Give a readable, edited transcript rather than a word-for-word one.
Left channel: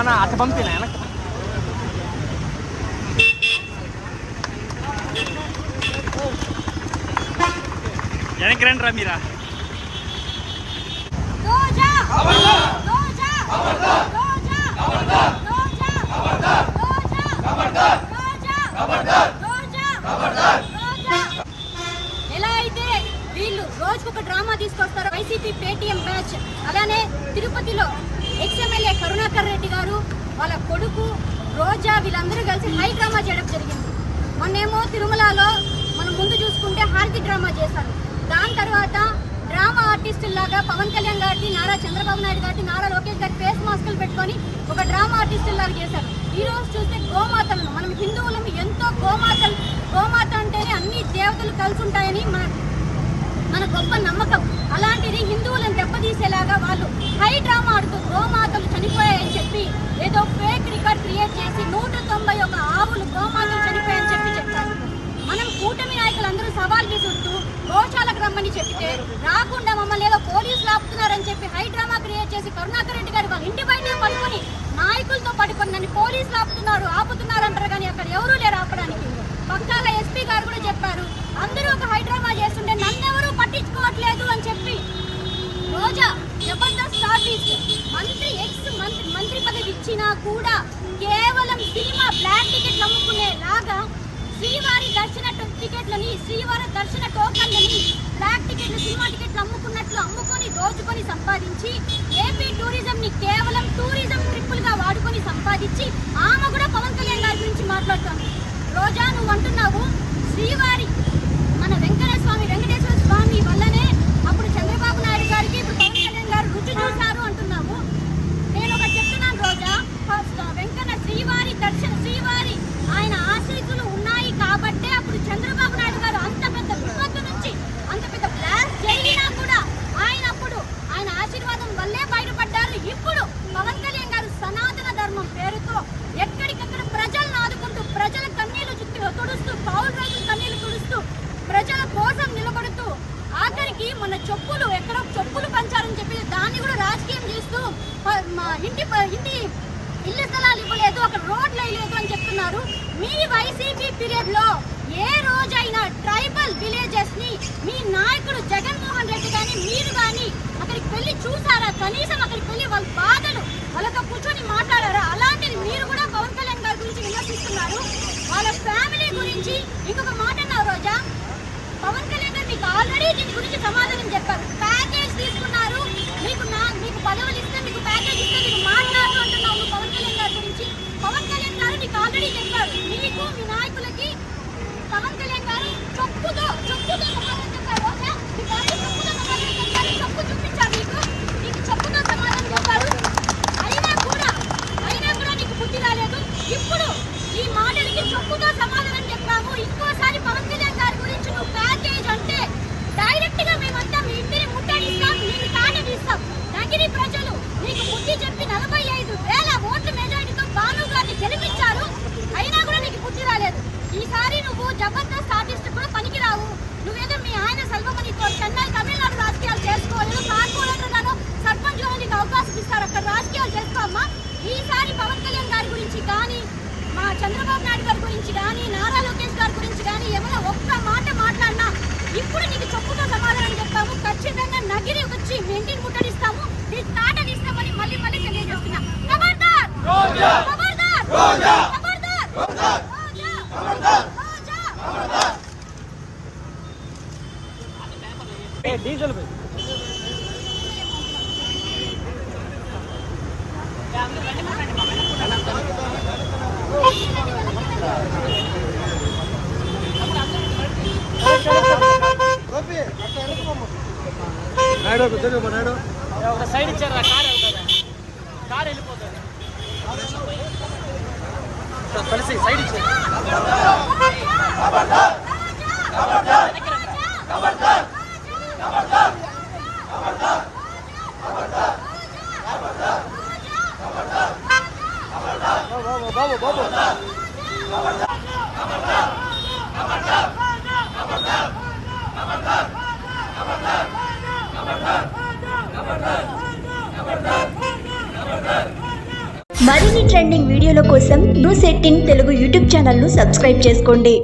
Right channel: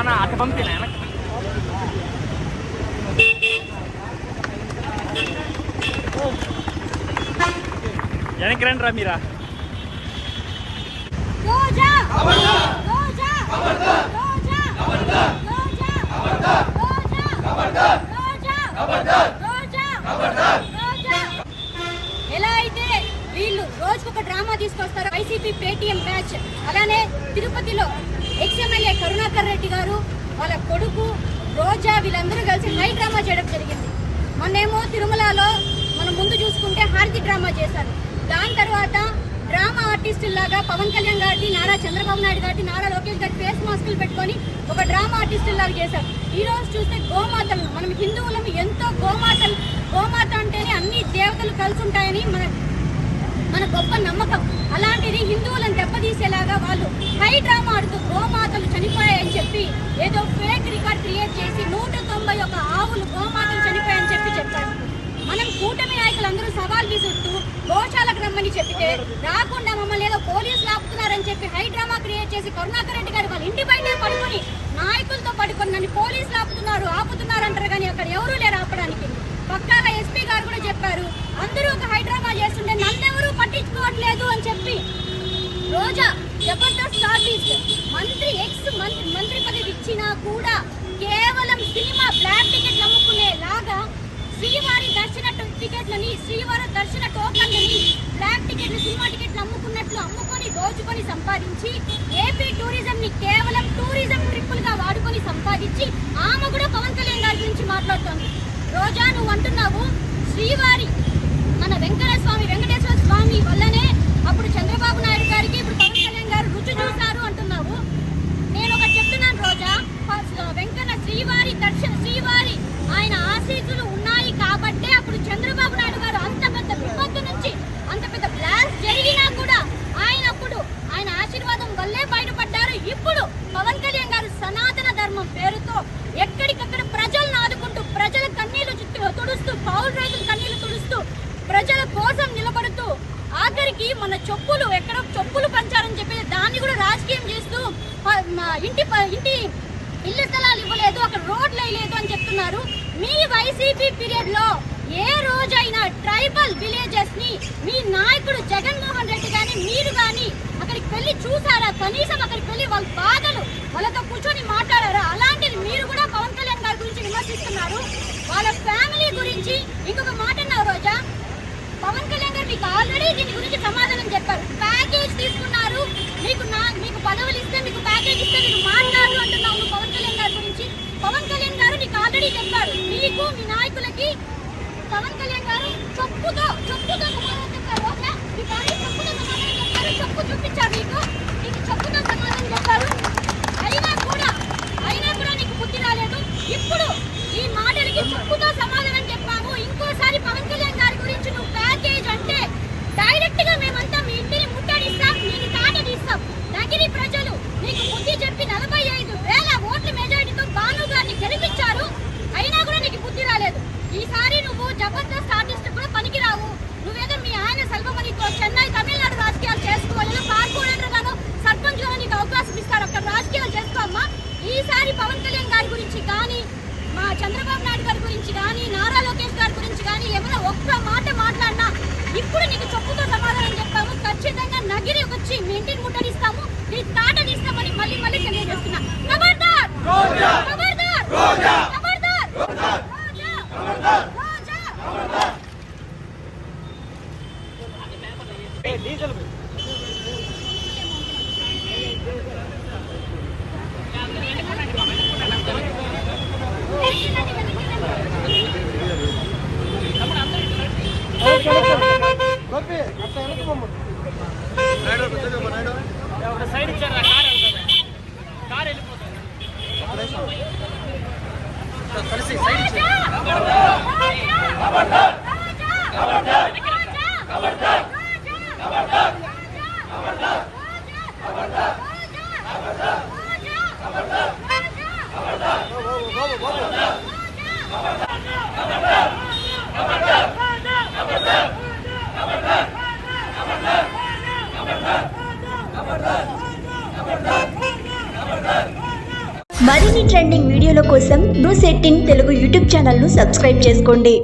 అటు పంపిన వెనక్కి రండి రా మీరా. ఎలా అయితే వీళ్ళు రోజుకొక డ్రామా తీసుకొస్తారు వైసీపీ పేటీఎం బ్యాచ్, అలానే తిరుపతిలో ఎక్స్ఎమ్మెల్యే కరుణాకర్ రెడ్డి గారు వాళ్ళ కొడుకు రోజా వీళ్ళందరూ కలిసి హై డ్రామా చేయడం జరిగింది. మొన్నేమో తిరుమలలో మనం ముందు చూసుకుంటే హారతి డ్రామా చేశారు. దాని తర్వాత డ్రామా ఆర్టిస్టులాగా పవన్ కళ్యాణ్ గారికి, నారా చంద్రబాబు నాయుడు గారికి, నారా లోకేష్ గారి ఫేస్ మాస్కులు పెట్టుకొని ఒక డ్రామా ఆర్టిస్టులాగా చేశారు. ఈ రోజు చూస్తే గోమాతలను, మనం హిందువులను ఎంతో గోమాత అంటేనే అన్ని దేవతలు కలిసి ఉంటాయని మన గొప్ప నమ్మకం. అలాంటిది హిందువులను దెబ్బతీసేలాగా వాళ్ళు హై డ్రామా ఆడుతూ గోమాతలు చనిపోయాయని చెప్పి ఏదో ఫేక్ రికార్డ్ క్రియేట్ చేసి 191 ఆవులు గోమాతలు చనిపోయాయని చెప్పి చెప్తారు. మనం కూటమి నాయకులందరూ సవాల్ విసురుతూ గోశాలకు రమ్మని చెప్పితే రాకుండా మమ్మల్ని ఏదో పోలీసులు ఆపుతున్నారని చెప్పి హై డ్రామా క్రియేట్ చేసి కరుణాకర్ రెడ్డి గారు వాళ్ళ ఇంటి బయట పడుకొని నాయకులతో పడుకొని నన్ను పోలీసులు ఆపుతున్నారు అంటారు, కానీ అక్కడ ఎవరూ లేరు ఆపడానికి. పక్కాల ఎస్పీ గారు కూడా చెప్పారు, అందరూ ఒక హై డ్రామా చేస్తుంటే నన్నెవరూ పట్టించుకోవట్లేదు అని చెప్పి. రోజా జబర్దస్త్ ఆర్టిస్ట్, మంత్రి పదవి ఇచ్చినా కూడా కేవలం సినిమా బ్లాక్ టికెట్లు అమ్ముకునేలాగా శ్రీవారి దర్శన టికెట్లని, శ్రీవారి దర్శన టోకన్లని బ్లాక్ టికెట్లు, సినిమా టికెట్లు అమ్ముకొని దోచుకొని సంపాదించి ఏపీ టూరిజం ని కేవలం టూరిజం ట్రిప్పులుగా వాడుకొని సంపాదించి ఆమె కూడా పవన్ కళ్యాణ్ గారి గురించి మాట్లాడుతోంది. రోజా నువ్వు అంటున్నావు శ్రీవారి మన వెంకటేశ్వర స్వామి వల్లనే అప్పుడు చంద్రబాబు నాయుడు గారికి ఇప్పుడు పవన్ కళ్యాణ్ గారు రుచి చూశారు అంటున్నావు. నేను ఒక చెప్తున్నాను రోజా, శ్రీవారి ఆయన ఆశీస్సులు ఉన్నాయి కాబట్టే అప్పుడు చంద్రబాబు నాయుడు గారు అంత పెద్ద విపత్తు నుంచి అంత పెద్ద బ్లాస్ట్ జరిగినా కూడా ఆయన ఆశీర్వాదం వల్లే బయటపడ్డారు. ఇప్పుడు పవన్ కళ్యాణ్ గారు సనాతన ధర్మం పేరుతో ఎక్కడికక్కడ ప్రజలను ఆదుకుంటూ, ప్రజల కన్నీళ్లు తుడుస్తూ, పౌరు రైతుల కన్నీళ్లు తుడుస్తూ, ప్రజల కోసం నిలబడుతూ, ఆఖరికి మన ఎక్కడో చెప్పులు పంచారని చెప్పి దాన్ని కూడా రాజకీయం చేస్తూ ఇల్లు స్థలాలు ఇవ్వలేదు, అక్కడ రోడ్లు వేయలేదు అని చెప్తున్నారు. మీ వైసీపీ పీరియడ్ లో ఏ రోజైనా ట్రైబల్ విలేజెస్ ని మీ నాయకుడు జగన్మోహన్ రెడ్డి గాని మీరు గాని అక్కడికి వెళ్ళి చూసారా? కనీసం అక్కడికి వెళ్ళి వాళ్ళ బాధలు వాళ్ళతో కూర్చొని మాట్లాడారా? అలాంటిది మీరు కూడా పవన్ కళ్యాణ్ గారి గురించి విమర్శిస్తున్నారు. వాళ్ళ ఫ్యామిలీ గురించి ఇంకొక మాట అన్నారు రోజా. పవన్ కళ్యాణ్ గారు మీకు ఆల్రెడీ దీని గురించి సమాధానం చెప్పారు. ప్యాకేజ్ తీసుకున్నారు, మీకు పదవులు ఇస్తే, మీకు ప్యాకేజ్ ఇస్తే మీరు మాట్లాడు అంటున్నావు పవన్ కళ్యాణ్ గారి గురించి. పవన్ కళ్యాణ్ గారు నీకు ఆల్రెడీ చెప్పారు, మీకు మీ నాయకులకి పవన్ కళ్యాణ్ గారు చెప్పుతో సమాధానం చెప్పారు. ఓకే, మీకు ఆల్రెడీ చెప్పుతో సమాధానం చెప్పారు, చెప్పు చూపించారు, మీకు చెప్పుతో సమాధానం చెప్పారు. అయినా కూడా నీకు బుద్ధి రాలేదు. ఇప్పుడు ఈ మాటలకి చెప్పుతో సమాధానం చెప్పాము. ఇంకోసారి పవన్ కళ్యాణ్ గారి గురించి నువ్వు ప్యాకేజ్ అంటే డైరెక్ట్ గా మేమంతా మీ ఇంటిని ముట్టడిస్తాం, నేను తాట తీస్తాం. నగిరి ప్రజలు నీకు బుద్ధి చెప్పి 45,000 ఓట్ల మెజారిటీతో భాను గారిని గెలిపించారు. అయినా కూడా నీకు బుద్ధి రాలేదు. ఈసారి నువ్వు జబర్దస్త్ ఆర్టిస్ట్ కూడా పనికిరావు. నువ్వేదో మీ ఆయన సెల్వమణితో చెన్నై తమిళనాడు రాజకీయాలు చేసుకోవాలి, కార్పొరేటర్ గాను సర్పంచ్ లో నీకు అవకాశం ఇస్తారు, అక్కడ రాజకీయాలు చేసుకోమ్మా. ఈసారి పవన్ కళ్యాణ్ గారి గురించి కానీ, మా చంద్రబాబు నాయుడు గారి గురించి కానీ, నారా లోకేష్ గారి గురించి కానీ ఏమైనా ఒక్క మాట మాట్లాడినా ఇప్పుడు నీకు చెప్పుతో సమాధానం చెప్తాము. ఖచ్చితంగా నగిరి వచ్చి మీ ఇంటిని ముట్టడిస్తాము, నీ తాట తీస్తామని మళ్ళీ తెలియజేస్తున్నా. ఖబర్దార్, ఖబర్దార్, ఖబర్దార్, రోజా, రోజా. డీజిల్ సైడ్ ఇచ్చారు, కార్ వెళ్ళిపోతారు కలిసి సైడ్ ఇచ్చారు. మరిన్ని ట్రెండింగ్ వీడియోల కోసం న్యూస్ 18 తెలుగు యూట్యూబ్ ఛానల్ను సబ్స్క్రైబ్ చేసుకోండి.